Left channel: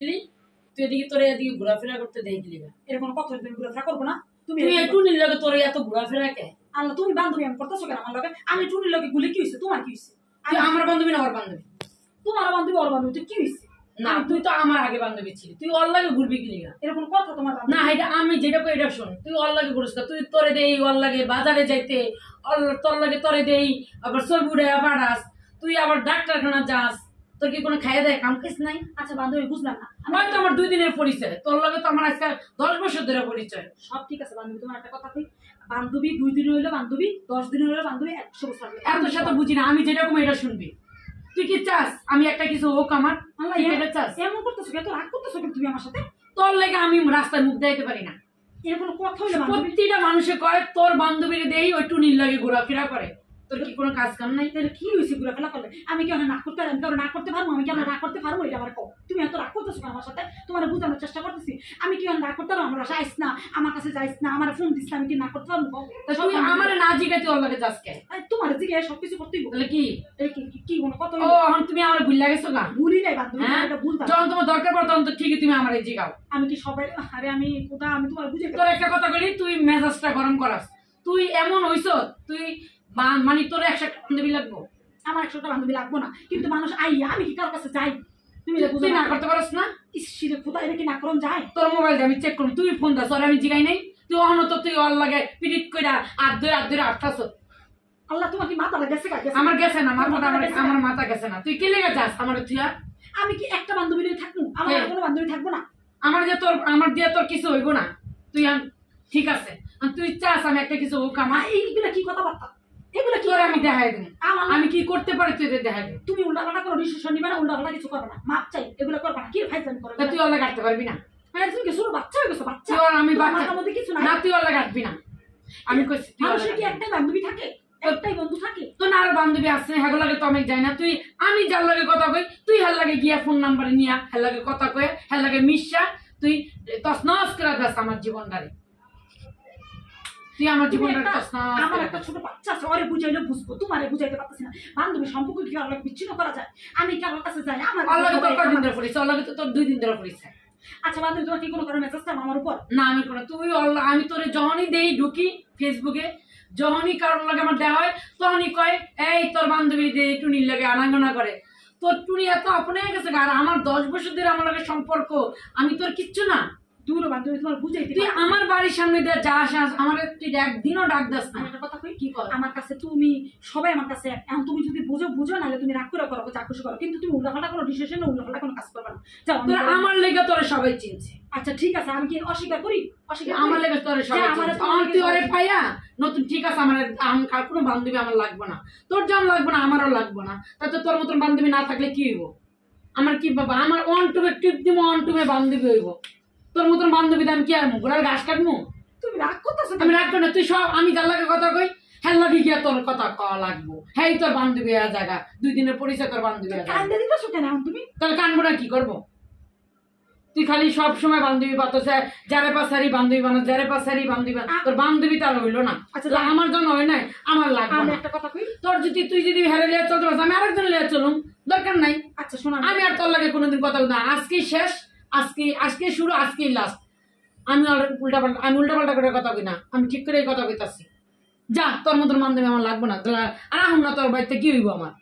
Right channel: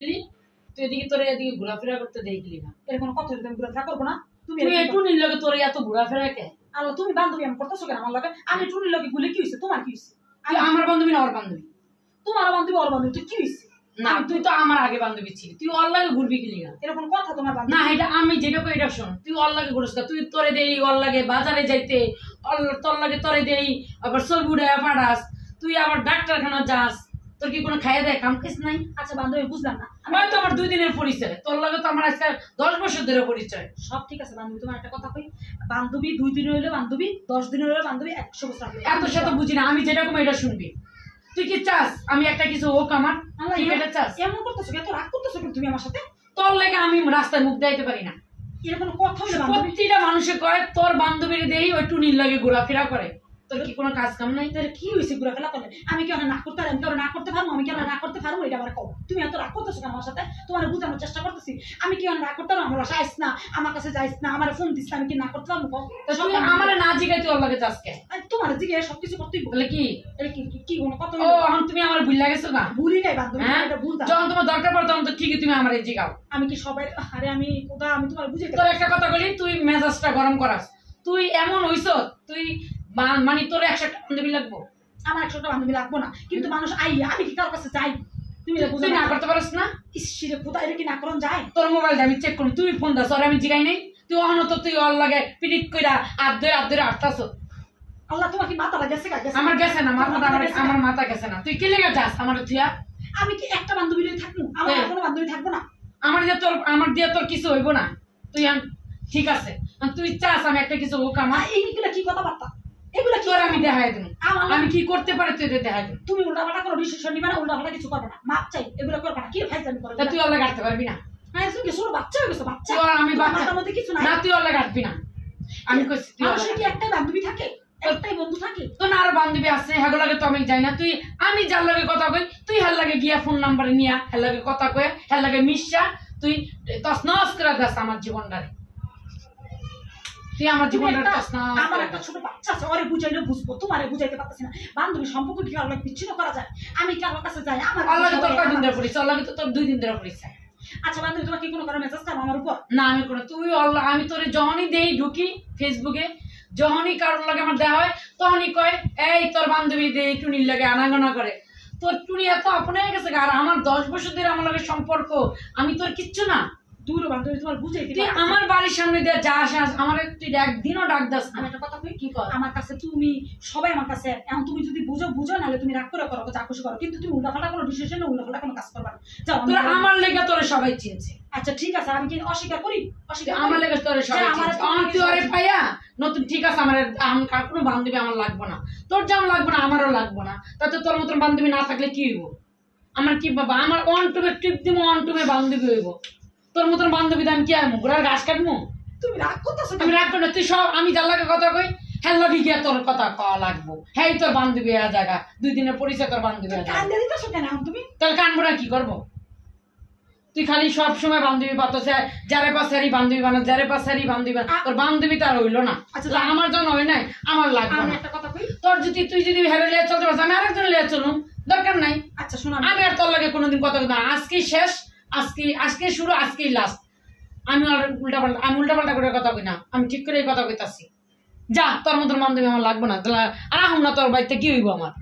তুই এদিকে তোর এদিকে ঘোরাফেরা করতে দেখলি না এরকম কত আমি ঘোরাফেরা করবো না? তুই একটু নিল লাগে তোর এত ঘোরাফেরা কে? আল্লাহ তুমি বান্ধবী আমি করতেছো কেন আমার লগে? আমি টুনির লগে গুলি কি হয়েছে? তোমার কি হয়েছে? তুই আমার বান্ধবী না ওর বান্ধবী? তোমার বান্ধবী ওর বান্ধবী, তুই কি হয়েছে? না তুই তো আমার আগে বান্ধবী ছিলি, তুই ওর লাগে ঘুরবি কি লিগা? এরকম কথা তোমার বান্ধবী না এটা আমি যেটা কই এটা শোন, তুই ওর লাগে ঘুরছ তুই তোরে দেই ওর লাগে বাজারে যাইতে তোর লাগে তোরে দেই আবার সরবুড়ে পাড়াস তুই আবার ডাক্তারখানা যাস, তোর কি কোনো খাইয়ে দেয় কাম কাজ নাই? আচ্ছা বান্ধবী বুঝলাম না, হয়তো আমার 2 দিনের পরিচয়, তোর লাগে তো আমার আজকাল 10 বছর ধরে পরিচয়। সব ঠিক আছে বান্ধবী, তোমার একটা কথা কই, বান্ধবী 2 দিন হইলো বান্ধবী, 10 দিন হইলো বান্ধবী, 100 বছর হইলো। এত সাথে বুঝি না, আমি যেরকম এটা শুনবি। তুই কি চাস আমি একটা কিছু হোক আমার? আল্লাহ কি এটা চাস? এমন করতেছো কেন? রাগ করতেছো কেন তুমি আমার সাথে? তোর লাগে আমি রাস্তায় মুখ দেখাইতে পারি না। এরকম কথা হইলো বান্ধবী? প্রতিটা মানুষে কয় তোর বান্ধবীর দেই ওই টুনির লাগে ঘোরাফেরা করে, তোর কি কোনো কাজ কাম নাই? তাহলে কি হয়েছে ঘোরাফেরা করলে? আমি কি না করতে পারি? আমি না করতে পারবো? আমি কি না করতে পারবো? এটা আমার কও। তুমি এত রাগ করতেছো কেন আমার সাথে? তোমার বুঝানোর চেষ্টা করতেছি, আমি কি না করতে পারবো? আমার বাসায় আইস না, আমার কাছে যাইস না, আমার ফোন দিস না, আমি কি না করতে পারবো? তুই আমারে না জিগাইতে ওর লাগে যাস কে? তোমার জিগায় সবকিছু করতেই তাহলে কি কি কোনো কথা? ও এখন তুমি আমার ভুল লাগেছো না? ভুলি নাই বান্ধবী, এটা ভুলতাম। যখন তোমার দরকার পড়ে তখন তো ঠিকই তুমি আমারে জিগাও। আমি কি সবাই আরে আমি কোথা আমি তোমার বুঝাইতে তোর একটা কথা বলি, তুই মেজাজটা গরম করাস। তুই এমন হইছ তুই মানে তোর 100টা বান্ধবী লাগবো? আমার 100টা বান্ধবী লাগবো না, কিন্তু মানুষ আমি কি কারোর কাছে যাই? তুমি তুই না করতে পারস না? ইসিরে কোথা এটা কি না করন যায়? তোর মোবাইলটা আমি চেক করি, তুই ফোন দাস আর আমি জিগাই নাই। তুই অনত তুই অল লাগে পিরিট কইরা আর ধরে আটতাছ। আল্লাহ তোমার কি মাথা লাগেছে? আমার গেছে না মাথাটা, আমার মাথা গেছে না। তুই কি লেগে যাস আমার তুইয়া? আমি কি একটা বান্ধবী লই থাকবো? আমার কোনো বান্ধবী থাকবো না? আমার দিয়ে তোর কিছু হইব না। তুই ঠিক আছে তুই চাস আমি একটা কিছু হোক আমার? এইগুলা কি কথাবার্তা? এগুলা কি? তোর আমি দেখাই দিন আমি কি করতে পারি, তুই দেখাই দিন। তুমি উল্টাপাল্টা কোনো ডিসিশন নিবে না, উল্টাপাল্টা কিছু করবে না, মাপ চাই, এগুলা করবে না। কি ফাইজলামি করবে? তুই অল্লাহ কাটতে পারবি না? হ্যাঁ তুমি কি ছোট বাচ্চা হয়ে গেছো? বাচ্চা আমি বাচ্চা মধ্যে কিছু নাই না, তুই অল্লাহ কাটবি না। আমি কইছি তুই মানুষের কি একটাই বান্ধবী থাকে? একটাই বন্ধু থাকে? তোর না আরো বান্ধবী আছে, হ্যাঁ লাগে তো আমি যাই না। তুই আমি যার লাগে কথা কই তুই হ্যাঁ লাগে গিয়া ফোন নাম্বার নিয়া হ্যাঁ লাগে কথা কয়ে হ্যাঁ লাগে মিশা তুই তছনছ করে দেস আমার জীবনটারে। তুই আমার জীবনটা আমার একটা ছোট বাচ্চা আছে, ওরে বুঝাইলে বুঝবো, তোমারে বুঝাইতে পারতেছি না। বান্ধবী সম্পর্ক কি কারোর লাগে বিচ্ছিন্ন করা যায়? আমি কারোর কাছে যাই আমার আল্লাহ তোর কয়দিন ধরে পড়িস? আল্লাহ তো তোর 2 দিন ধরে পড়িস। আচ্ছা বান্ধবী তোমার কি কোনো কারণে মেসেজ চাও আমার উপর? না আমি কোনো তুই আল্লাহ আমি তোরে যখনই দেই ঢুকি ফেসবুকে, যখনই কারোর লাগে আমার দেখা হয় তখনই কয় এই তোর বান্ধবী দে টুনির লাগে আনাগোনা করে। তোর টুনি এত আপন হয়ে গেছে আর আমার 10 বছর ধরে আমার লাগে সম্পর্ক, আমি তোর কিচ্ছু না। দূর বান্ধবী তোমার বুঝাইতে তুই আমার বাড়ির সামনে দিয়ে যাস আমার তুই একদিনও ডাক দাস না। আমি একটা কথা কই, কি কর আমার কাছে তুমি সবাই আমার কাছে এখন তুমি যদি বুঝো নাহলে তুমি রাগ করে করো, যা খুশি করো, কিন্তু তুমি উল্টাপাল্টা কোনো ডিসিশন না, উল্টাপাল্টা কোনো কাজ করবে না। যাও তোরা আমার লেগে তোরা সবাই চিনছে। আচ্ছা ঠিক আছে, আমি কি অস্বীকার করি? অস্বীকার আমার লেগে তোরা সবাই চিনছে। তুই ওরে পাইয়া নতুন ঠিক আছে আমার আর কোনো বান্ধবী আমার লাগবে না, তোর যেমন লাগবে না আমারও লাগবে না। তাতে তোর মতন বান্ধবী না থাকলে কি হইব? আমার কি বাবা আমার ওয়ান টুবে টিপ দিব, ওয়ান টুবে বান্ধবী হইব। তোর মতন বান্ধবী আমি কি আনবো? ঘোড়ার ঘাস কাটবো? তুমি রাগ করতেছো? আমি রাগ করি না। তুই সব আমি যার লাগে কথা কই হ্যাঁ লাগে গিয়া তোর কথা কওয়া লাগবো। হ্যাঁ তোর বান্ধবী হয়ে জায়গা 2 দিনের পরিচয় তোর বান্ধবী হয়ে কান্দে দিতেছো কেন তুমি? তাহলে কানবো না কি করবো? তুই খালি সব সময় বান্ধবী পাতছে, যারে পাশারি বান্ধবী বানা, যারে পাশারি বান্ধবী বানা। তোর বান্ধবী তার হইলো না। আচ্ছা আমার জন্য হয় নাই, আমার লাগবে না। একটা কথা কই, তোর যদি তুই যদি হেরে লিয়া চলতে পারছ আমি আরেকজন লিয়া চলুম, দরকার নাই। আচ্ছা শোনো আমি আর তোর লাগে কোনোদিন কথা বলবো না। আজকেই শেষ, আজকে শুরু, আজকেই লাস্ট। আমি উল্টাপাল্টা করে কথা কই না, আমি ঠিক করে কথা কইতাছি। যা তোর মতন বান্ধবী আমার লাগবে না। আর আহ না তোর বাড়িতে কি হইব আমার?